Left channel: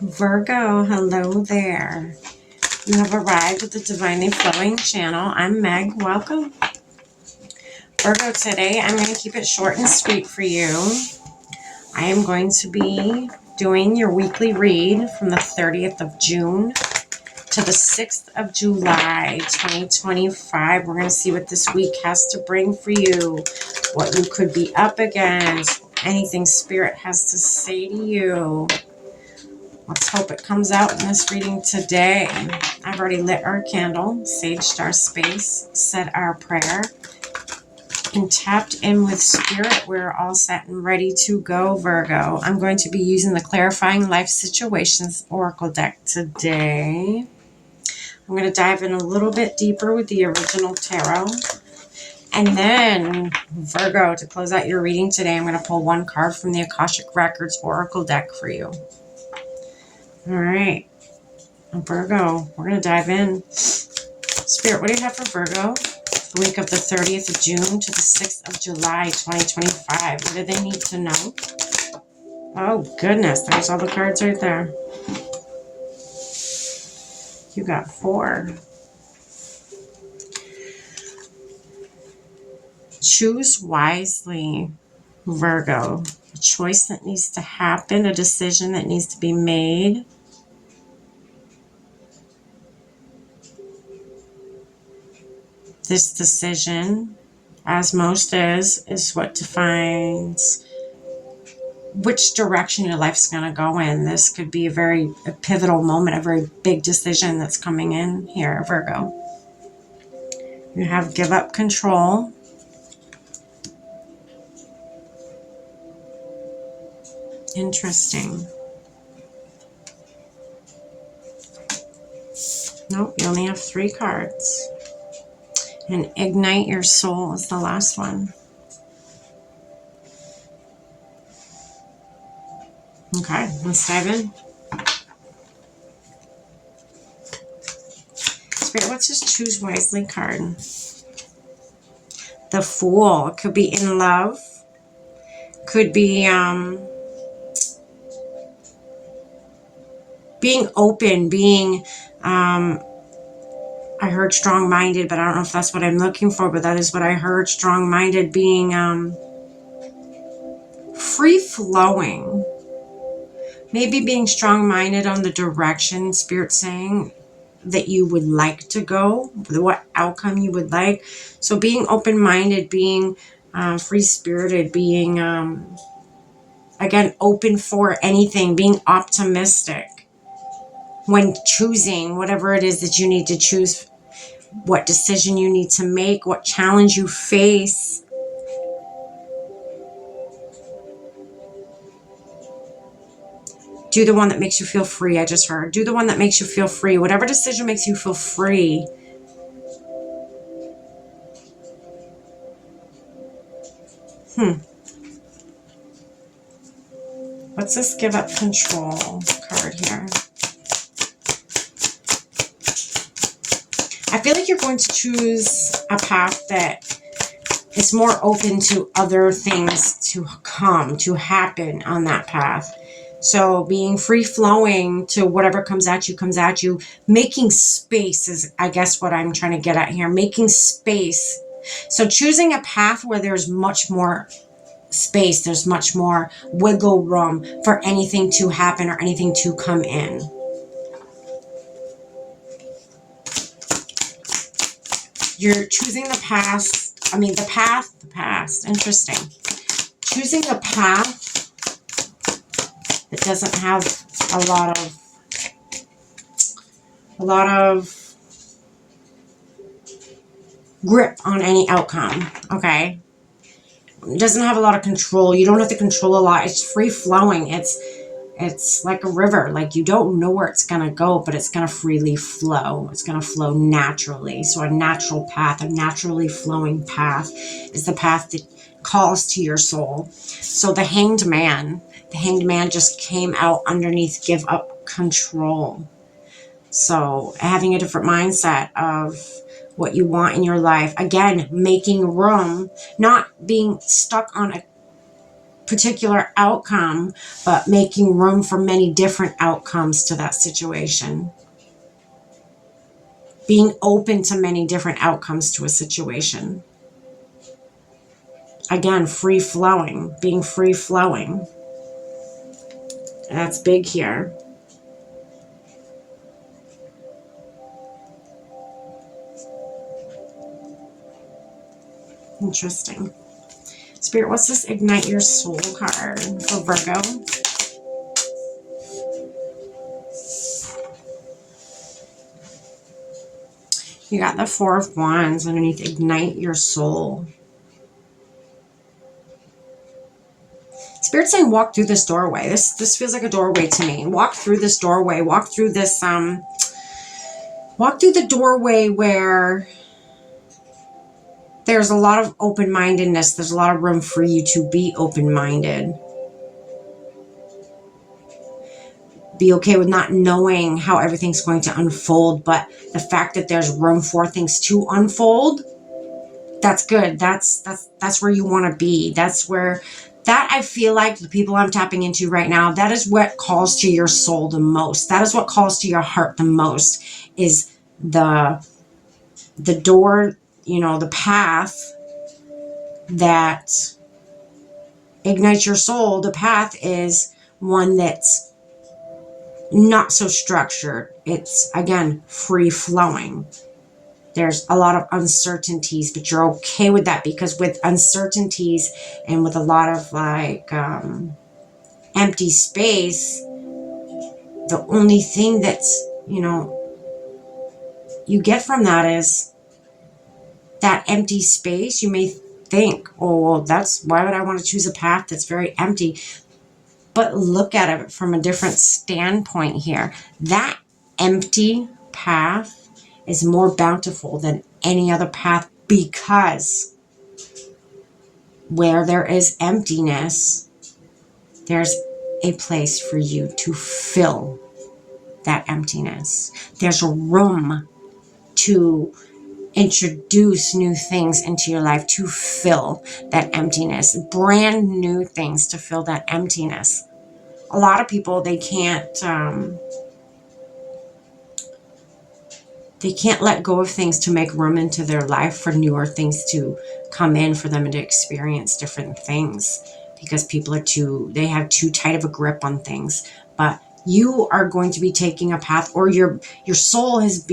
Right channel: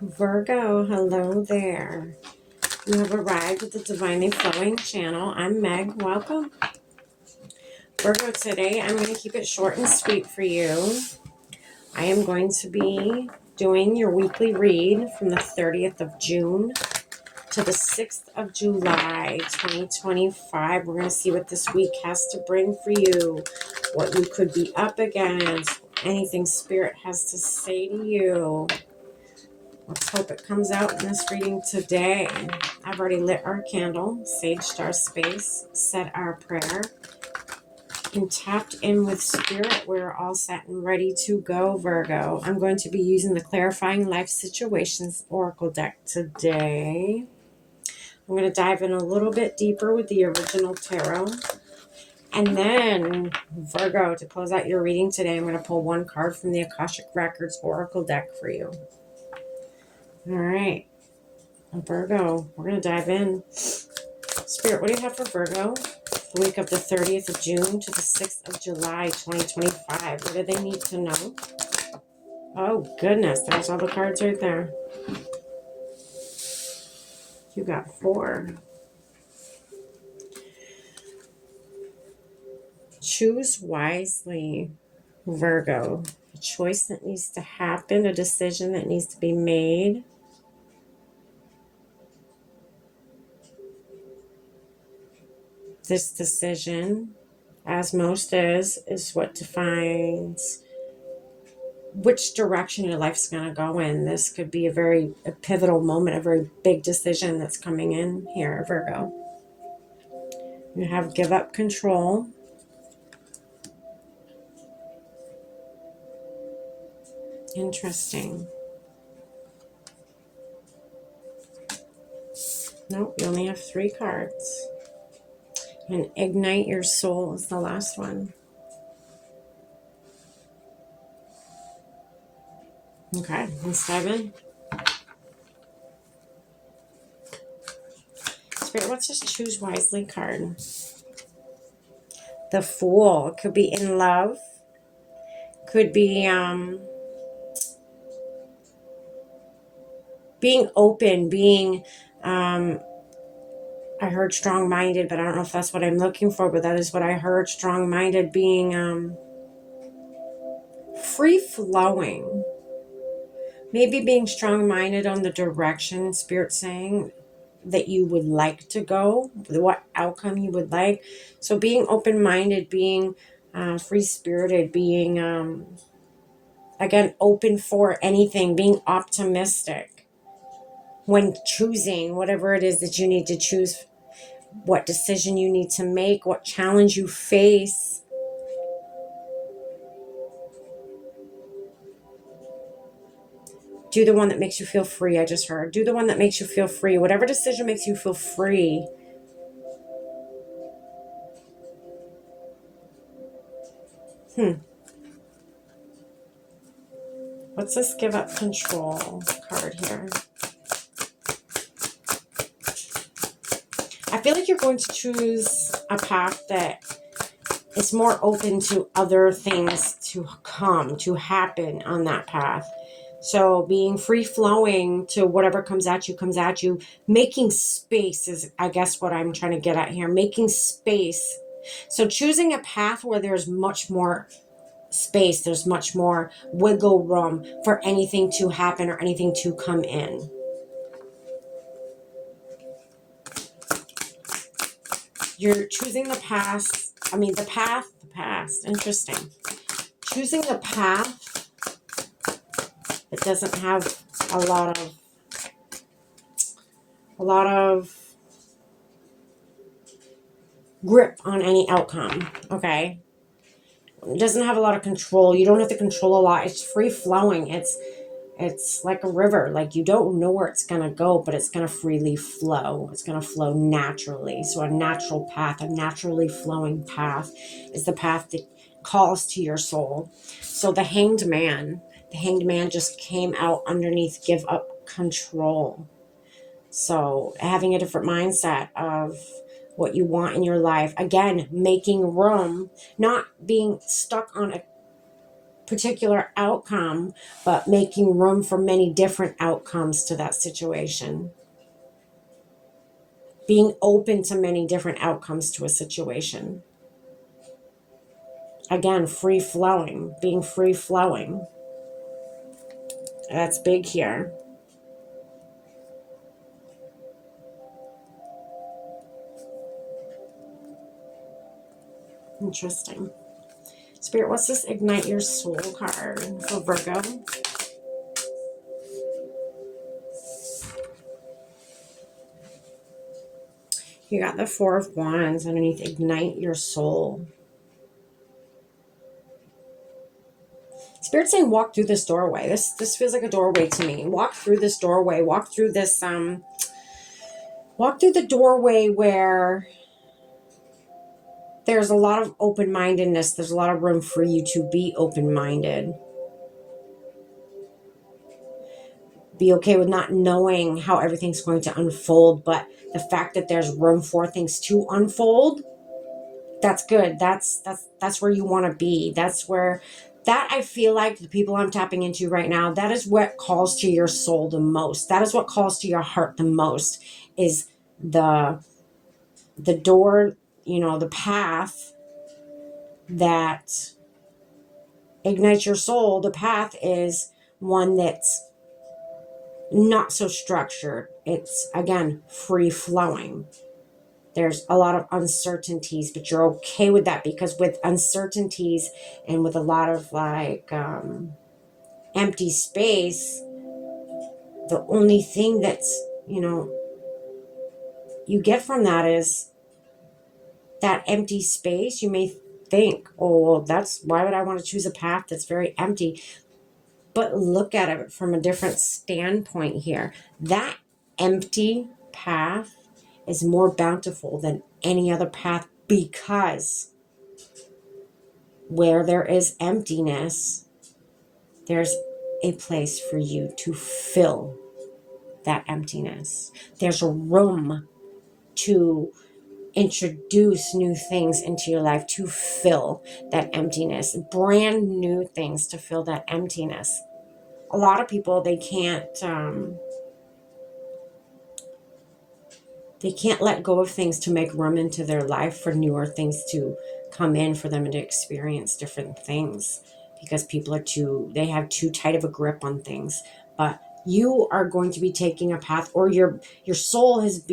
Virgo, hello there. You have arrived at the Divinely Flowing channel. I'm Meg. Welcome. Virgo, today I'm going to keep it short and sweet for you. I am going to be doing your weekly read from the 30th of June to the 6th of July, 2025. We're going to see what this week has to bring for you, what you could be up against, anything Spirit has to say to you. Let's hope it comes out in this reading today. I've already lit our candle, saged our space, said our prayer, and tapped in with Spirit. We're all set and ready to go, Virgo. I'm going to be using the Clarifying Life Situations Oracle deck today. I'm going to dive in a little bit deeper with the original tarot. And then, Virgo, to close out your reading today, I'm going to pull one card from the Akashic Records Oracle deck for you. All right. Virgo, we're going to dive in. Spirit, what do you have for Virgo? The week of the 30th of June to the 6th of July, 2025. What do they need to know? Oh, goodness. There's all the cards right there. You got 4. Choose wisely, Virgo. A choice that needs to happen, a decision that needs to be made. This decision, as most is what defines which direction your life's going to go in. This could be a pivotal moment, a very big decision that's coming in here, Virgo. You have give up control. Interesting. Nope, you only have 3 cards. And ignite your soul is the last one. Okay, let's dive in. Spirit, what's this choose wisely card? The Fool. It could be in love. Could be being open, being I heard strong-minded, but I don't know if that's what I'm looking for, but that is what I heard. Strong-minded, being free-flowing. Maybe being strong-minded on the direction Spirit's saying that you would like to go, what outcome you would like. So being open-minded, being free-spirited, being, again, open for anything, being optimistic when choosing whatever it is that you need to choose, what decision you need to make, what challenge you face. Do the one that makes you feel free, I just heard. Do the one that makes you feel free. Whatever decision makes you feel free. What's this give up control card here? I feel like you're going to choose a path that is more open to other things to come, to happen on that path. So being free-flowing to whatever comes at you. Making space is, I guess, what I'm trying to get at here. Making space. So choosing a path where there's much more space, there's much more wiggle room for anything to happen or anything to come in. You're choosing the past. The past. Interesting. Choosing the path that doesn't have a lot of grip on any outcome. Okay. It doesn't have a lot of control. You don't have to control a lot. It's free flowing. It's like a river. Like, you don't know where it's going to go, but it's going to freely flow. It's going to flow naturally. So a natural path, a naturally flowing path is the path that calls to your soul. So the Hanged Man just came out underneath give up control. So having a different mindset of what you want in your life. Again, making room, not being stuck on a particular outcome, but making room for many different outcomes to that situation. Being open to many different outcomes to a situation. Again, free flowing, being free flowing. That's big here. Interesting. Spirit, what's this Ignite Your Soul card for Virgo? You got the Four of Wands underneath Ignite Your Soul. Spirit's saying walk through this doorway. This feels like a doorway to me. Walk through this doorway. Walk through this, walk through the doorway where there's a lot of open-mindedness. There's a lot of room for you to be open-minded. Be okay with not knowing how everything's going to unfold, but the fact that there's room for things to unfold, that's good. That's where you want to be. That's where, that I feel like the people I'm tapping into right now, that is what calls to your soul the most. That is what calls to your heart the most, is the door, you know, the path that ignites your soul. The path is one that's not so structured. It's, again, free flowing. There's a lot of uncertainties, but you're okay with that, because with uncertainties and with a lot of like empty space, the only thing that's, you know, you get from that is that empty space. You may think, oh, well, that's, why would I want to choose a path that's very empty? But look at it from a different standpoint here. That empty path is more bountiful than any other path, because where there is emptiness, there's a place for you to fill that emptiness. There's a room to introduce new things into your life to fill that emptiness, brand new things to fill that emptiness. A lot of people, they can't let go of things to make room into their life for newer things to come in, for them to experience different things, because people are they have too tight of a grip on things. But you are going to be taking a path, or your soul is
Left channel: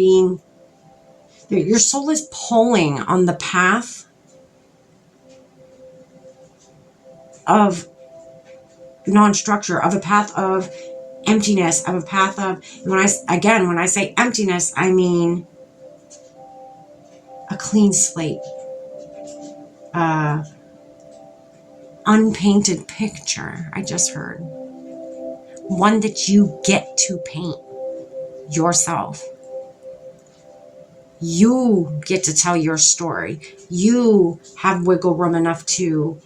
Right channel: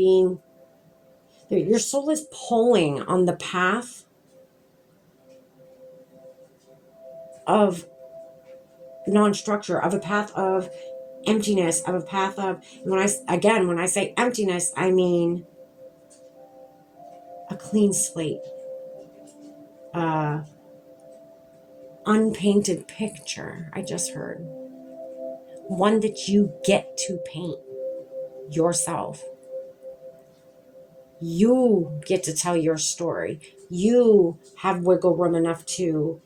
pulling on the path of non-structure, of a path of emptiness, of a path of, when I say emptiness, I mean a clean slate, unpainted picture. I just heard one that you get to paint yourself. You get to tell your story. You have wiggle room enough to,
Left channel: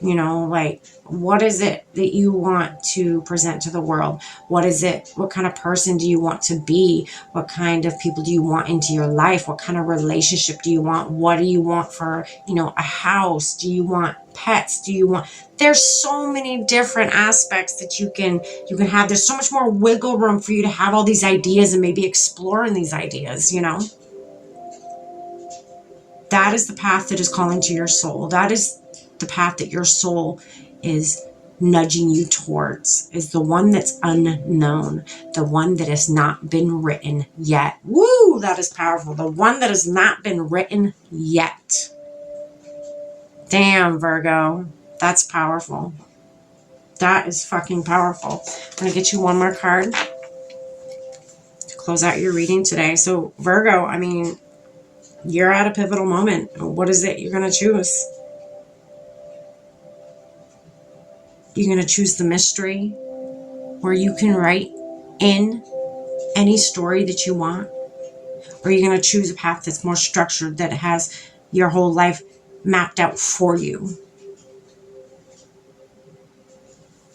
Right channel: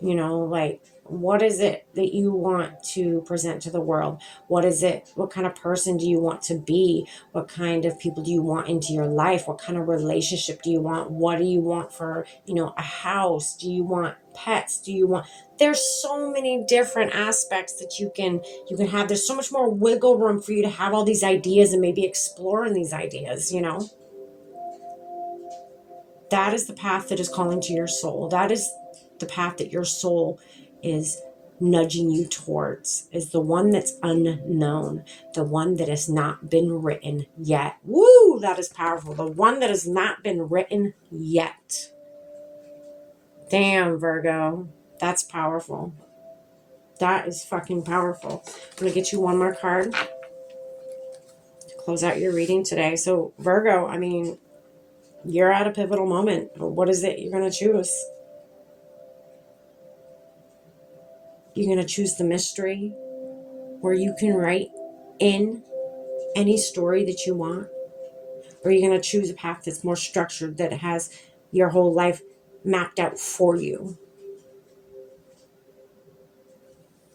you know, like, what is it that you want to present to the world? What is it? What kind of person do you want to be? What kind of people do you want into your life? What kind of relationship do you want? What do you want for, you know, a house? Do you want pets? Do you want, there's so many different aspects that you can have. There's so much more wiggle room for you to have all these ideas and maybe exploring these ideas, you know? That is the path that is calling to your soul. That is the path that your soul is nudging you towards, is the one that's unknown, the one that has not been written yet. Woo, that is powerful. The one that has not been written yet. Damn, Virgo. That's powerful. That is fucking powerful. I'm going to get you one more card to close out your reading today. So, Virgo, I mean, you're at a pivotal moment. What is it you're going to choose? You're going to choose the mystery, where you can write in any story that you want? Or you're going to choose a path that's more structured, that has your whole life mapped out for you?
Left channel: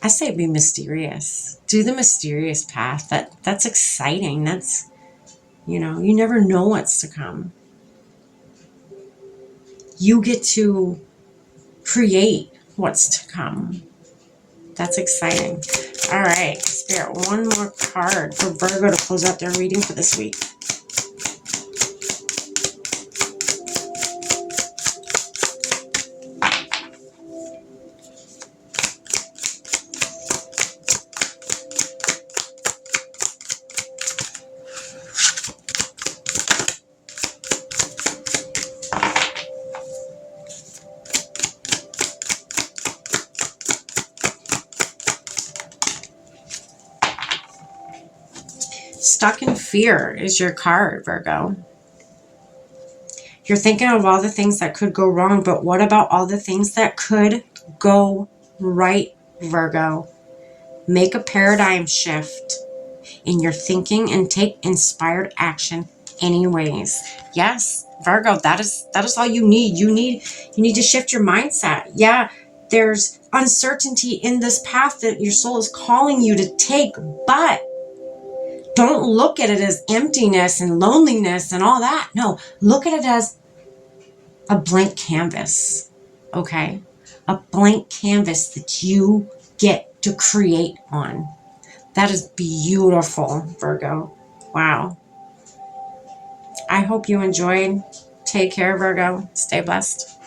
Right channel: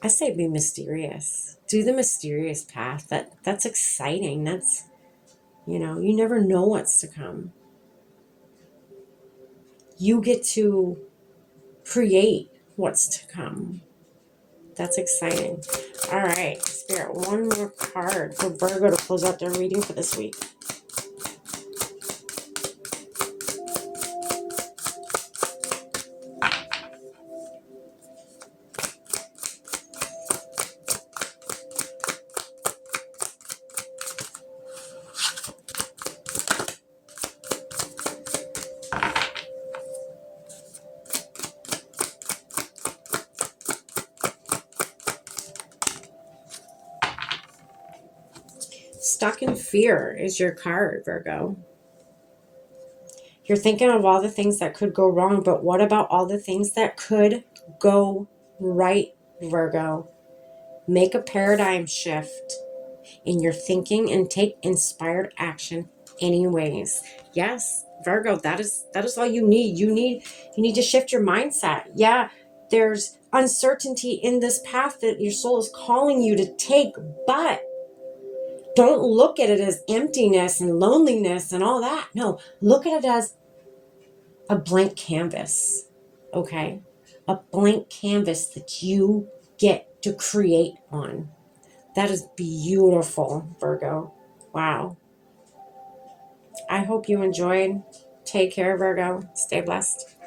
I say be mysterious. Do the mysterious path. That's exciting. That's, you know, you never know what's to come. You get to create what's to come. That's exciting. All right, Spirit, one more card for Virgo to close out their reading for this week. Stuck in fear is your card, Virgo. You're thinking of all the things that could go wrong, but what about all the things that could go right, Virgo? Make a paradigm shift in your thinking and take inspired action anyways. Yes, Virgo, that is all you need. You need to shift your mindset. Yeah, there's uncertainty in this path that your soul is calling you to take, but don't look at it as emptiness and loneliness and all that. No, look at it as a blank canvas. Okay? A blank canvas that you get to create on. That is beautiful, Virgo. Wow. I hope you enjoyed. Take care, Virgo. Stay blessed.